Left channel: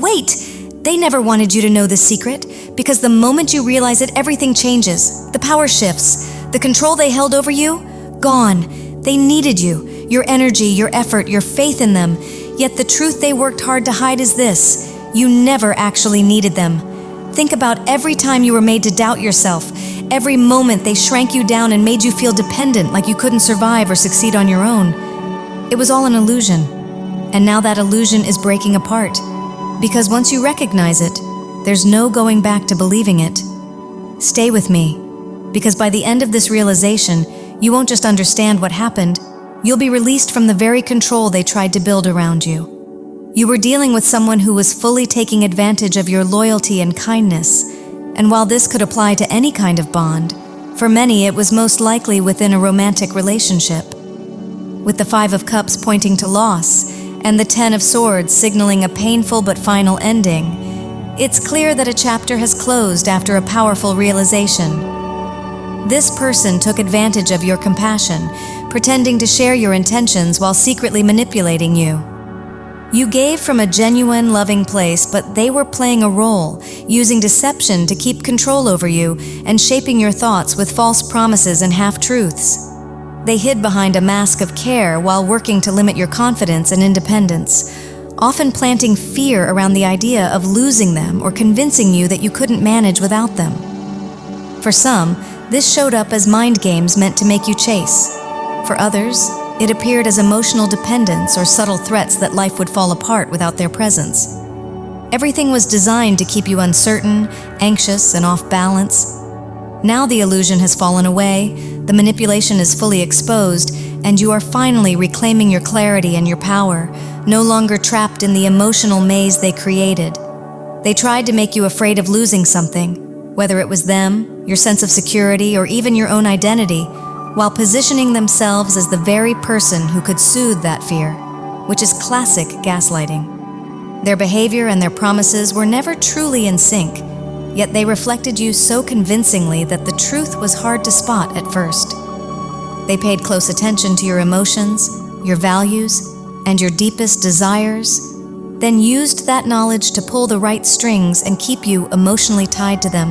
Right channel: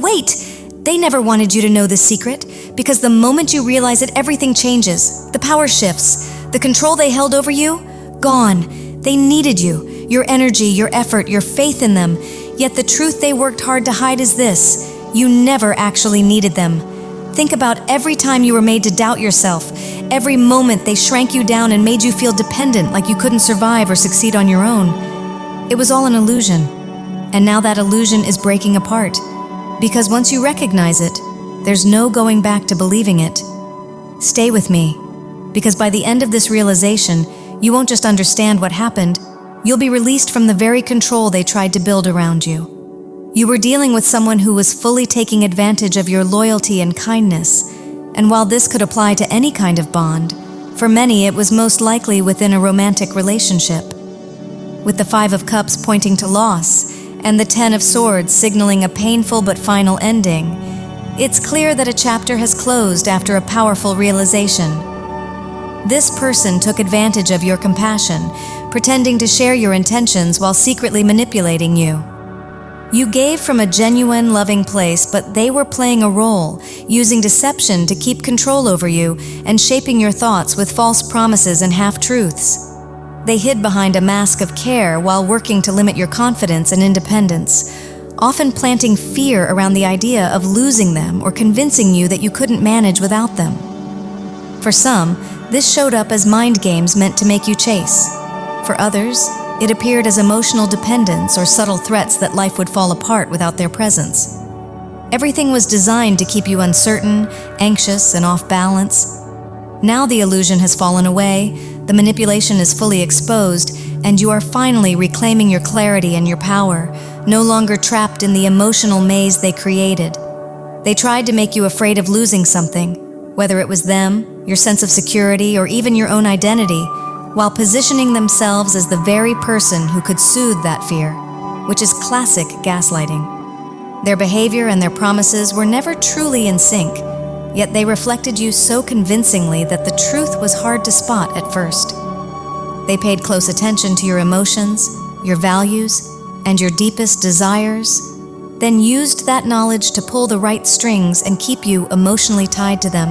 Wait! They never wanted you to know the secret, because the moment you realize it, everything changes. The power shifts. The control they held over you? Gone. They needed you. Your energy, your effort, your faith in them. Yet the truth they worked hard to hide is this: you never actually needed them. Think about every time you were made to doubt yourself. Every moment they shrank you down and made you feel dependent, like you couldn't survive or succeed on your own. It was all an illusion. And now that illusion is breaking apart. Because once you recognize it, there's no going back to believing it. Stay with me, because by the end of this realization, you won't just understand what happened, you'll be released from the very control they tried to build around you. You were dealing with someone who was fully taking advantage of your loyalty and kindness, and while this could apply to any kind of bond, for many it was most likely within a romantic relationship. With the Five of Cups pointing to loss, and the Ten of Swords signaling a painful but final ending, it's clear that a chapter has closed after a powerful realization. This person took advantage of your compassion, pretending to share your intentions while secretly manipulating you. You gave from a genuine, loving place, but they were playing a role, using deception to keep control over you and shaping your thoughts with false promises and half-truths. They hid behind a mask of care while working to limit your confidence and independence, often planting fear around the idea of losing them or convincing you that you couldn't manage without them. For some, this showed up as mind games meant to make you chase. For others, it appeared as emotional dependence or subtle threats that life would fall apart without their presence. Everything was designed to keep you uncertain, anxious, and off balance. Now the illusion has fallen away, the manipulation is fully exposed, and you are finally reclaiming your clarity and your power, no longer trapped in the emotional maze they created. They tried to make you afraid of losing something, whether it was them, your sense of security, or even your own identity, while positioning themselves as the very person who could soothe that fear, which is classic gaslighting. Their behavior and their promises were never truly in sync, yet they reflected you so convincingly that the truth was hard to spot at first. They paid close attention to your emotions, your values, and your deepest desires, then used that knowledge to pull the right strings and keep you emotionally tied to them.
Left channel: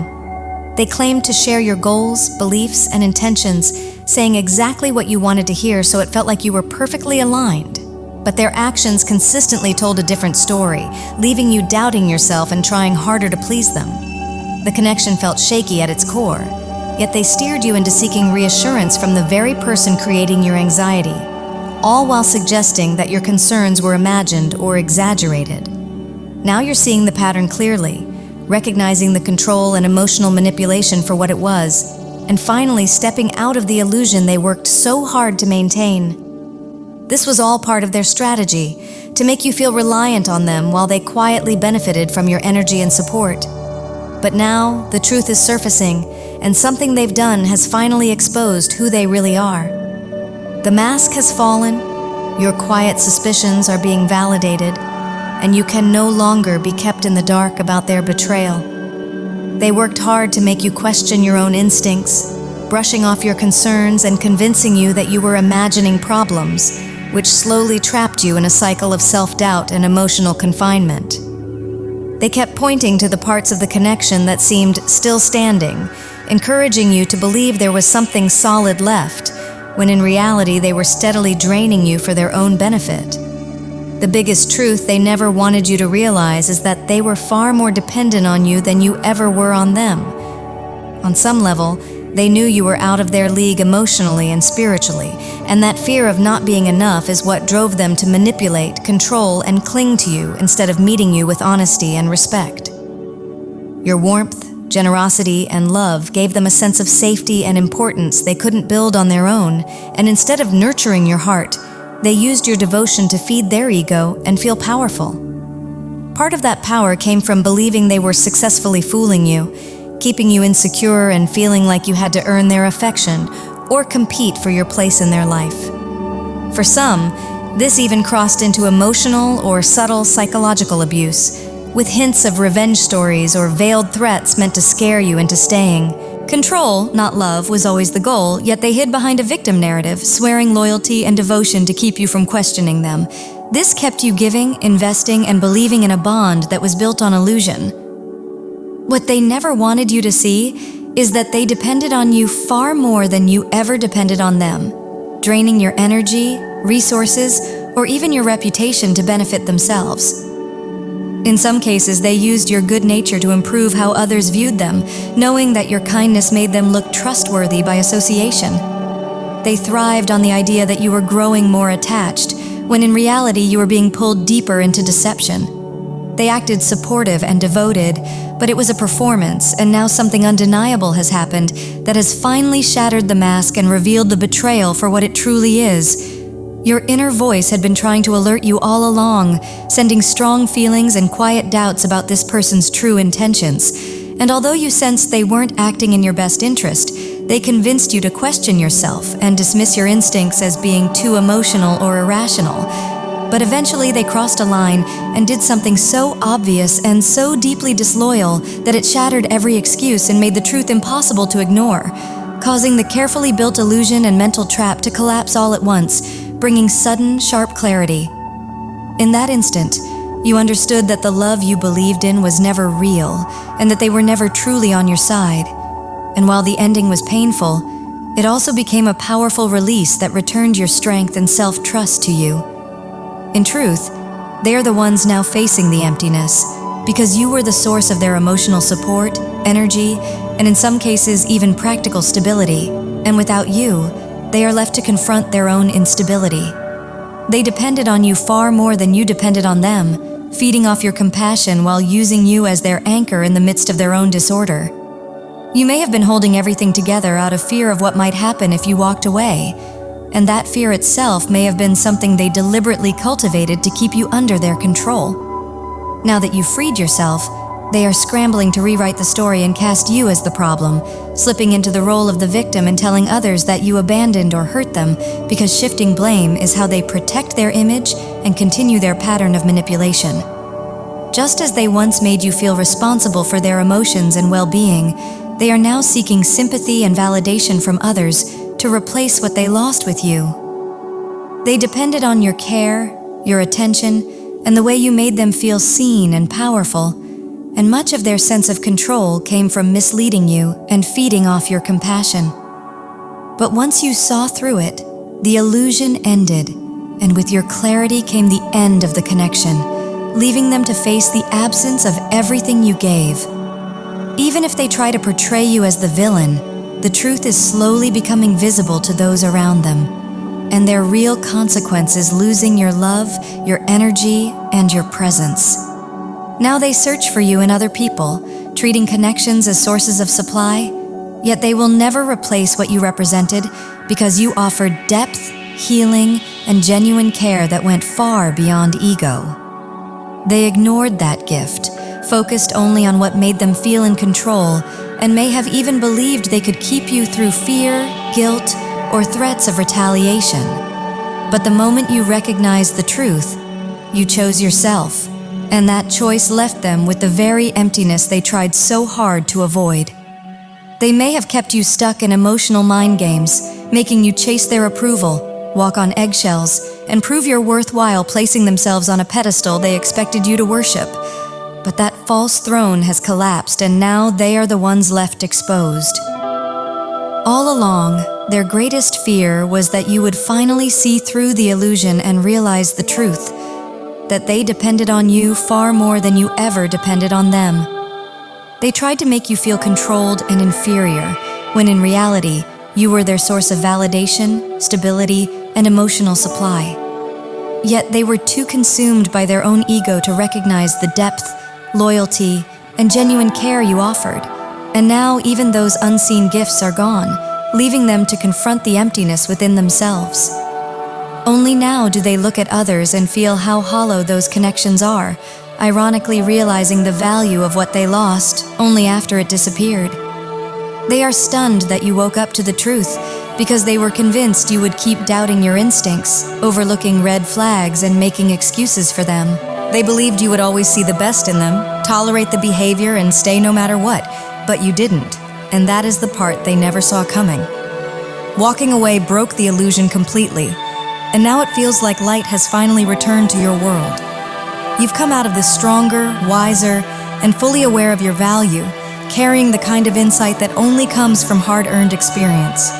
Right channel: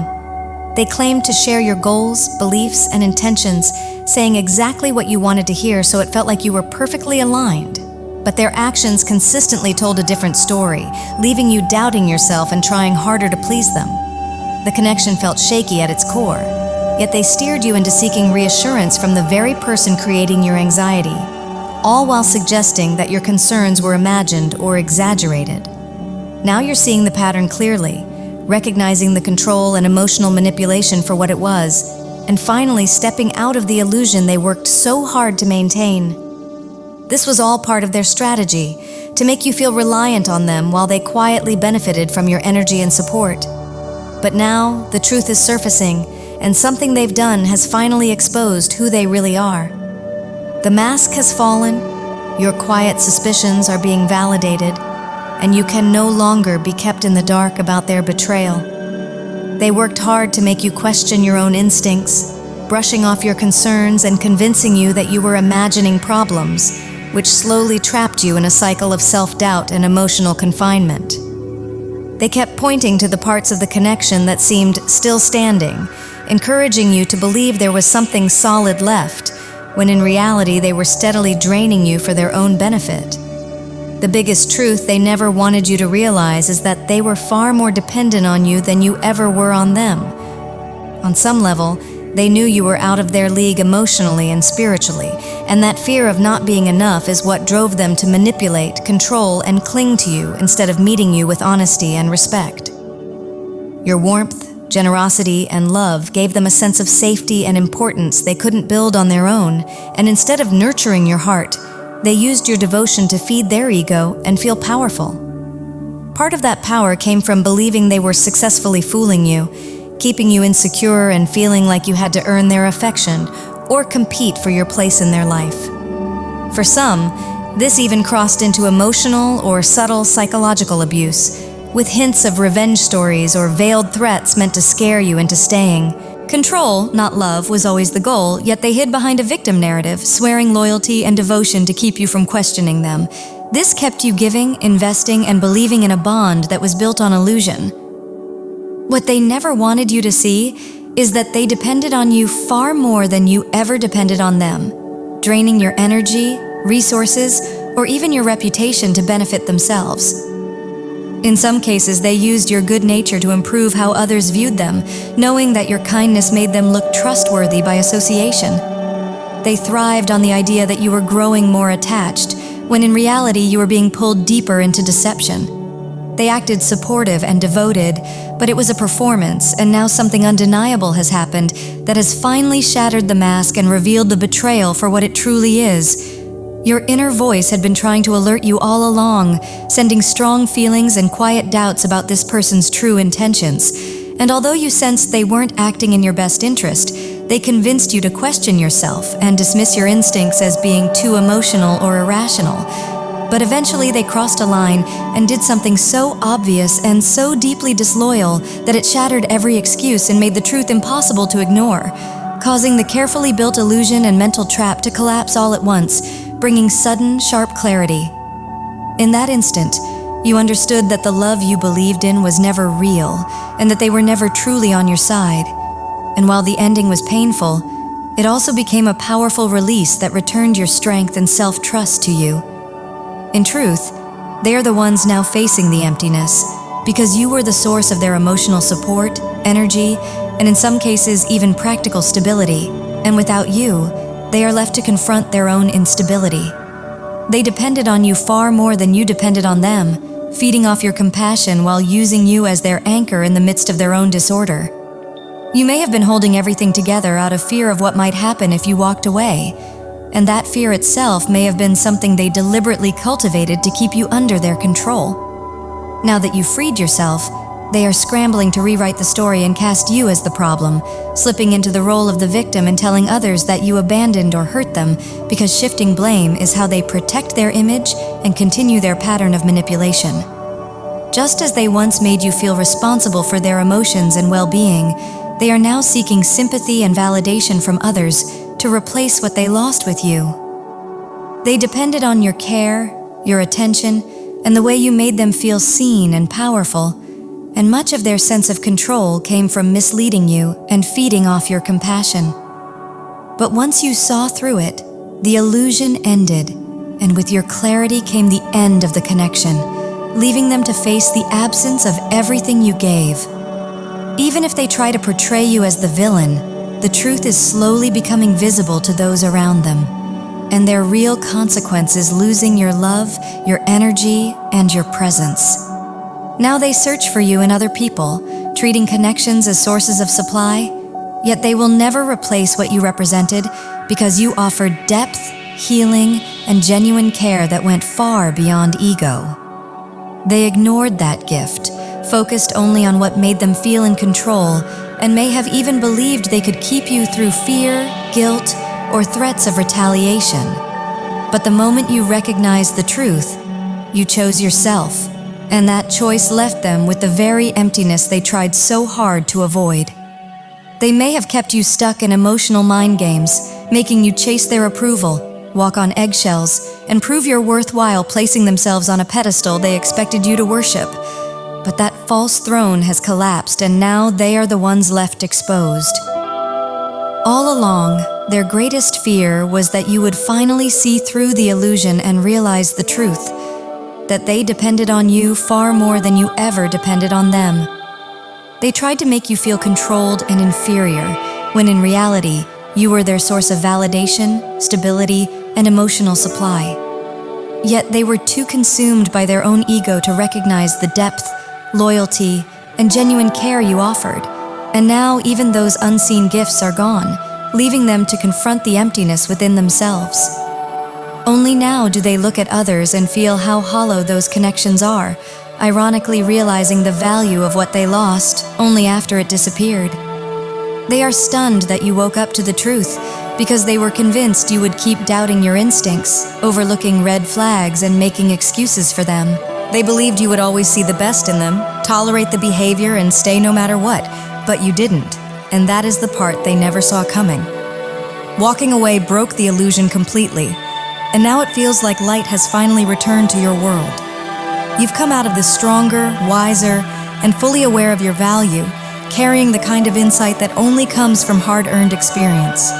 They claimed to share your goals, beliefs, and intentions, saying exactly what you wanted to hear so it felt like you were perfectly aligned. But their actions consistently told a different story, leaving you doubting yourself and trying harder to please them. The connection felt shaky at its core, yet they steered you into seeking reassurance from the very person creating your anxiety, all while suggesting that your concerns were imagined or exaggerated. Now you're seeing the pattern clearly, recognizing the control and emotional manipulation for what it was, and finally stepping out of the illusion they worked so hard to maintain. This was all part of their strategy, to make you feel reliant on them while they quietly benefited from your energy and support. But now, the truth is surfacing, and something they've done has finally exposed who they really are. The mask has fallen, your quiet suspicions are being validated, and you can no longer be kept in the dark about their betrayal. They worked hard to make you question your own instincts, brushing off your concerns and convincing you that you were imagining problems, which slowly trapped you in a cycle of self-doubt and emotional confinement. They kept pointing to the parts of the connection that seemed still standing, encouraging you to believe there was something solid left, when in reality they were steadily draining you for their own benefit. The biggest truth they never wanted you to realize is that they were far more dependent on you than you ever were on them. On some level, they knew you were out of their league emotionally and spiritually, and that fear of not being enough is what drove them to manipulate, control, and cling to you instead of meeting you with honesty and respect. Your warmth, generosity, and love gave them a sense of safety and importance they couldn't build on their own, and instead of nurturing your heart, they used your devotion to feed their ego and feel powerful. Part of that power came from believing they were successfully fooling you, keeping you insecure and feeling like you had to earn their affection or compete for your place in their life. For some, this even crossed into emotional or subtle psychological abuse, with hints of revenge stories or veiled threats meant to scare you into staying. Control, not love, was always the goal, yet they hid behind a victim narrative, swearing loyalty and devotion to keep you from questioning them, This kept you giving, investing, and believing in a bond that was built on illusion. What they never wanted you to see is that they depended on you far more than you ever depended on them, draining your energy, resources, or even your reputation to benefit themselves. In some cases, they used your good nature to improve how others viewed them, knowing that your kindness made them look trustworthy by association. They thrived on the idea that you were growing more attached, when in reality you were being pulled deeper into deception. They acted supportive and devoted, but it was a performance, and now something undeniable has happened that has finally shattered the mask and revealed the betrayal for what it truly is. Your inner voice had been trying to alert you all along, sending strong feelings and quiet doubts about this person's true intentions. And although you sensed they weren't acting in your best interest, they convinced you to question yourself and dismiss your instincts as being too emotional or irrational. But eventually they crossed a line and did something so obvious and so deeply disloyal that it shattered every excuse and made the truth impossible to ignore, causing the carefully built illusion and mental trap to collapse all at once, bringing sudden, sharp clarity. In that instant, you understood that the love you believed in was never real, and that they were never truly on your side. And while the ending was painful, it also became a powerful release that returned your strength and self-trust to you. In truth, they are the ones now facing the emptiness, because you were the source of their emotional support, energy, and in some cases even practical stability, and without you, they are left to confront their own instability. They depended on you far more than you depended on them, feeding off your compassion while using you as their anchor in the midst of their own disorder. You may have been holding everything together out of fear of what might happen if you walked away, and that fear itself may have been something they deliberately cultivated to keep you under their control. Now that you've freed yourself, they are scrambling to rewrite the story and cast you as the problem, slipping into the role of the victim and telling others that you abandoned or hurt them, because shifting blame is how they protect their image and continue their pattern of manipulation. Just as they once made you feel responsible for their emotions and well-being, they are now seeking sympathy and validation from others to replace what they lost with you. They depended on your care, your attention, and the way you made them feel seen and powerful, and much of their sense of control came from misleading you and feeding off your compassion. But once you saw through it, the illusion ended, and with your clarity came the end of the connection, leaving them to face the absence of everything you gave. Even if they try to portray you as the villain, the truth is slowly becoming visible to those around them, and their real consequence is losing your love, your energy, and your presence. Now they search for you in other people, treating connections as sources of supply, yet they will never replace what you represented because you offered depth, healing, and genuine care that went far beyond ego. They ignored that gift, focused only on what made them feel in control, and may have even believed they could keep you through fear, guilt, or threats of retaliation. But the moment you recognized the truth, you chose yourself, and that choice left them with the very emptiness they tried so hard to avoid. They may have kept you stuck in emotional mind games, making you chase their approval, walk on eggshells, and prove you're worthwhile, placing themselves on a pedestal they expected you to worship. But that false throne has collapsed, and now they are the ones left exposed. All along, their greatest fear was that you would finally see through the illusion and realize the truth, that they depended on you far more than you ever depended on them. They tried to make you feel controlled and inferior, when in reality, you were their source of validation, stability, and emotional supply. Yet they were too consumed by their own ego to recognize the depth, loyalty, and genuine care you offered. And now even those unseen gifts are gone, leaving them to confront the emptiness within themselves. Only now do they look at others and feel how hollow those connections are, ironically realizing the value of what they lost only after it disappeared. They are stunned that you woke up to the truth, because they were convinced you would keep doubting your instincts, overlooking red flags and making excuses for them. They believed you would always see the best in them, tolerate the behavior, and stay no matter what, but you didn't, and that is the part they never saw coming. Walking away broke the illusion completely. and now it feels like light has finally returned to your world. You've come out of this stronger, wiser, and fully aware of your value, carrying the kind of insight that only comes from hard-earned experience.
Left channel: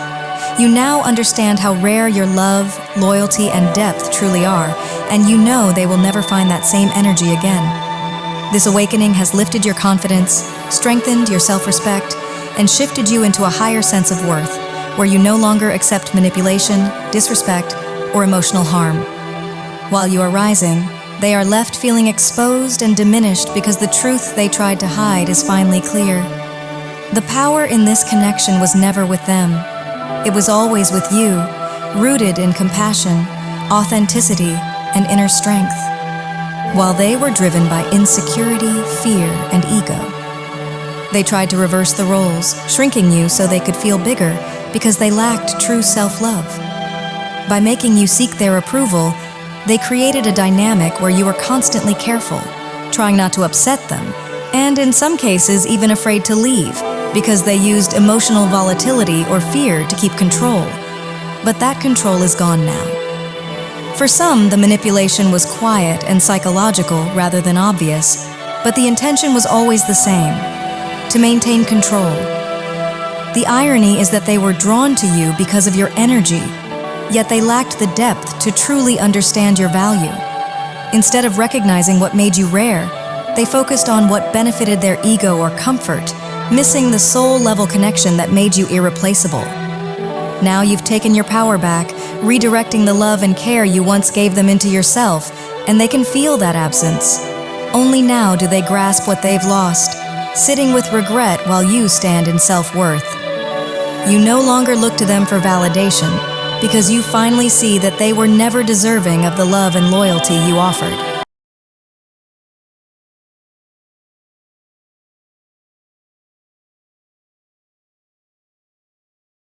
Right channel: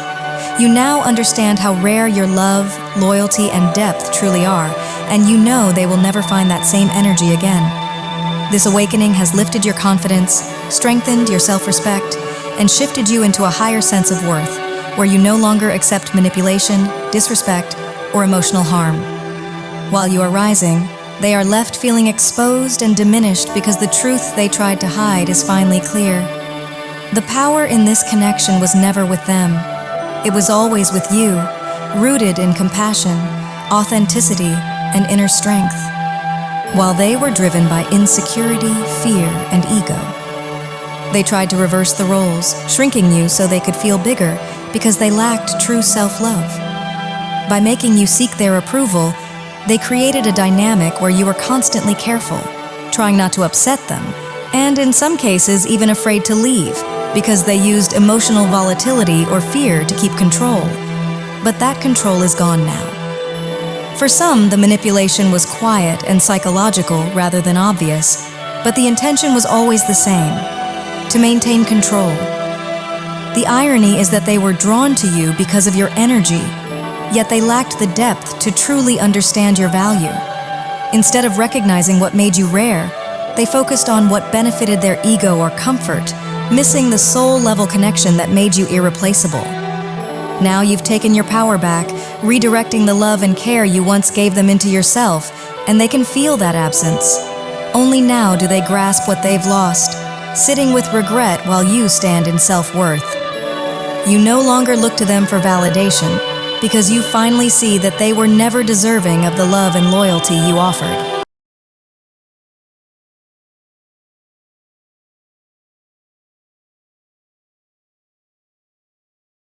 You now understand how rare your love, loyalty, and depth truly are, and you know they will never find that same energy again. This awakening has lifted your confidence, strengthened your self-respect, and shifted you into a higher sense of worth, where you no longer accept manipulation, disrespect, or emotional harm. While you are rising, they are left feeling exposed and diminished because the truth they tried to hide is finally clear. The power in this connection was never with them. It was always with you, rooted in compassion, authenticity, and inner strength, while they were driven by insecurity, fear, and ego. They tried to reverse the roles, shrinking you so they could feel bigger because they lacked true self-love. By making you seek their approval, they created a dynamic where you were constantly careful, trying not to upset them, and in some cases even afraid to leave, because they used emotional volatility or fear to keep control. But that control is gone now. For some, the manipulation was quiet and psychological rather than obvious, but the intention was always the same: to maintain control. The irony is that they were drawn to you because of your energy, yet they lacked the depth to truly understand your value. Instead of recognizing what made you rare, they focused on what benefited their ego or comfort, missing the soul-level connection that made you irreplaceable. Now you've taken your power back, redirecting the love and care you once gave them into yourself, and they can feel that absence. Only now do they grasp what they've lost, sitting with regret while you stand in self-worth. You no longer look to them for validation, because you finally see that they were never deserving of the love and loyalty you offered.